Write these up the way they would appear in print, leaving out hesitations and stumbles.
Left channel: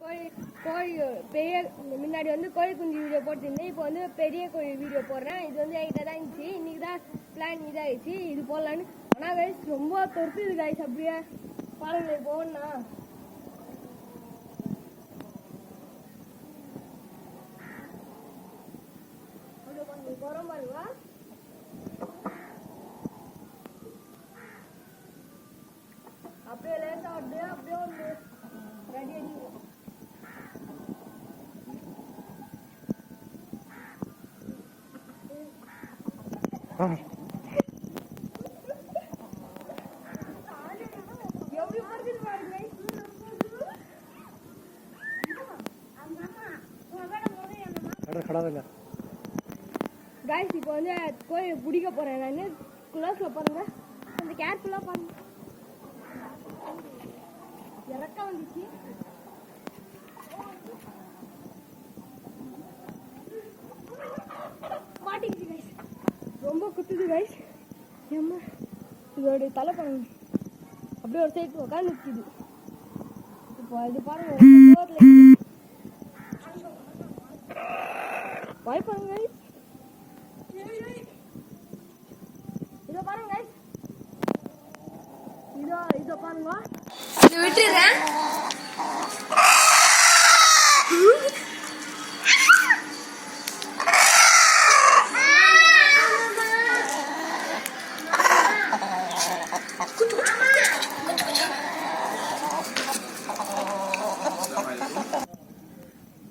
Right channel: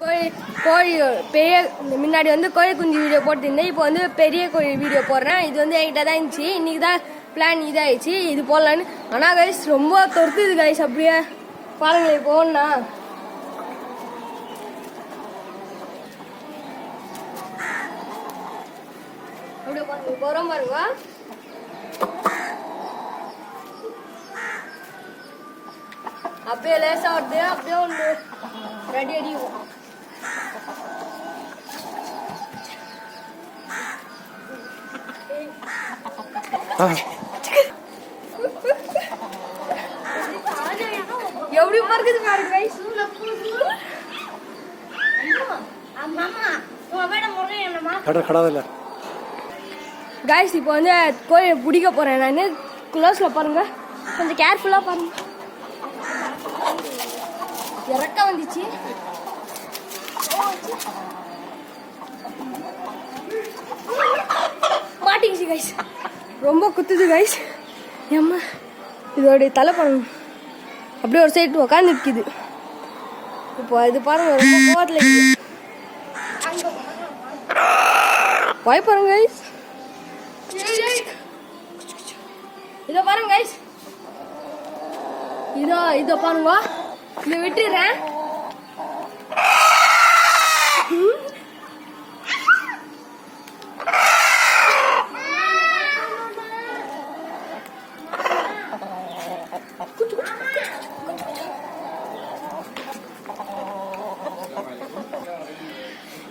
கோழி பெரிய முன்னாடி வந்து கோழி குஞ்சு வீடியோ போட்டிருந்தேன். இப்போ வந்து பெரிய கோழி வீடியோ போடுறேன். இது வந்து என்கிட்ட தான் இருந்துச்சு. இன்னைக்கு தான் பிளான் இதாகிடுச்சு. இது போடலான்னு. ஆனால் கைஸ் ரொம்ப தொடுத்துது கைஸ். அப்படியே பாருங்களேன். இப்போ ஒன்றா அப்படியே பாருங்க. போகிறோம் பாருங்க. அப்படியே லேசாக வருது. அப்படியே ஒன்று ரெடி அடிக்கும். எப்படி பார்க்குது பாருங்க கைஸ். இப்போ வந்து கோழியை பிடிக்க போறேன் நான். க்ளோஸ்ல பாருங்க, கொஞ்சம் கேர்ஃபுல்லா பாருங்க. இறக்க வந்துச்சு. மாட்டிக்கிச்சு கைஸ். ரொம்ப குத்துது கைஸ். ஏம்மா இதோடைய தலை பாருங்க. அப்படியே ஒரு சைடு உட்காந்து நிற்கிது. இப்போ இது பாருங்க, ரொம்ப கோவத்தில் இருக்குது. வாய் பாருங்க கைஸ். இதை பாருங்க கைஸ். இதோ பாருங்க. இதை விட்டுறேன்.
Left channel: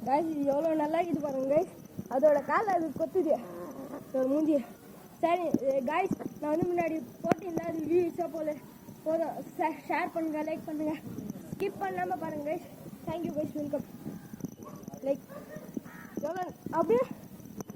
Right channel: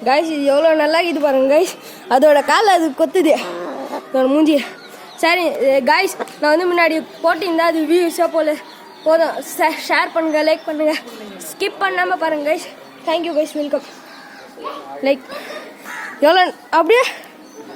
கைஸ் இது எவ்வளோ நல்லா இது பாருங்க கைஸ். அதோட கால் அது கொத்துது அதோட மூஞ்சி. சரி கைஸ், நான் வந்து முன்னாடி போட்டிருந்தா அது வியூஸாக போதும். ஷேர் பண்ணுங்க, லைக் பண்ணுங்க, ஸ்கிப் பண்ணாமல் பாருங்க guys. Thank you guys. Welcome. Like எவ்வளோ அப்படியே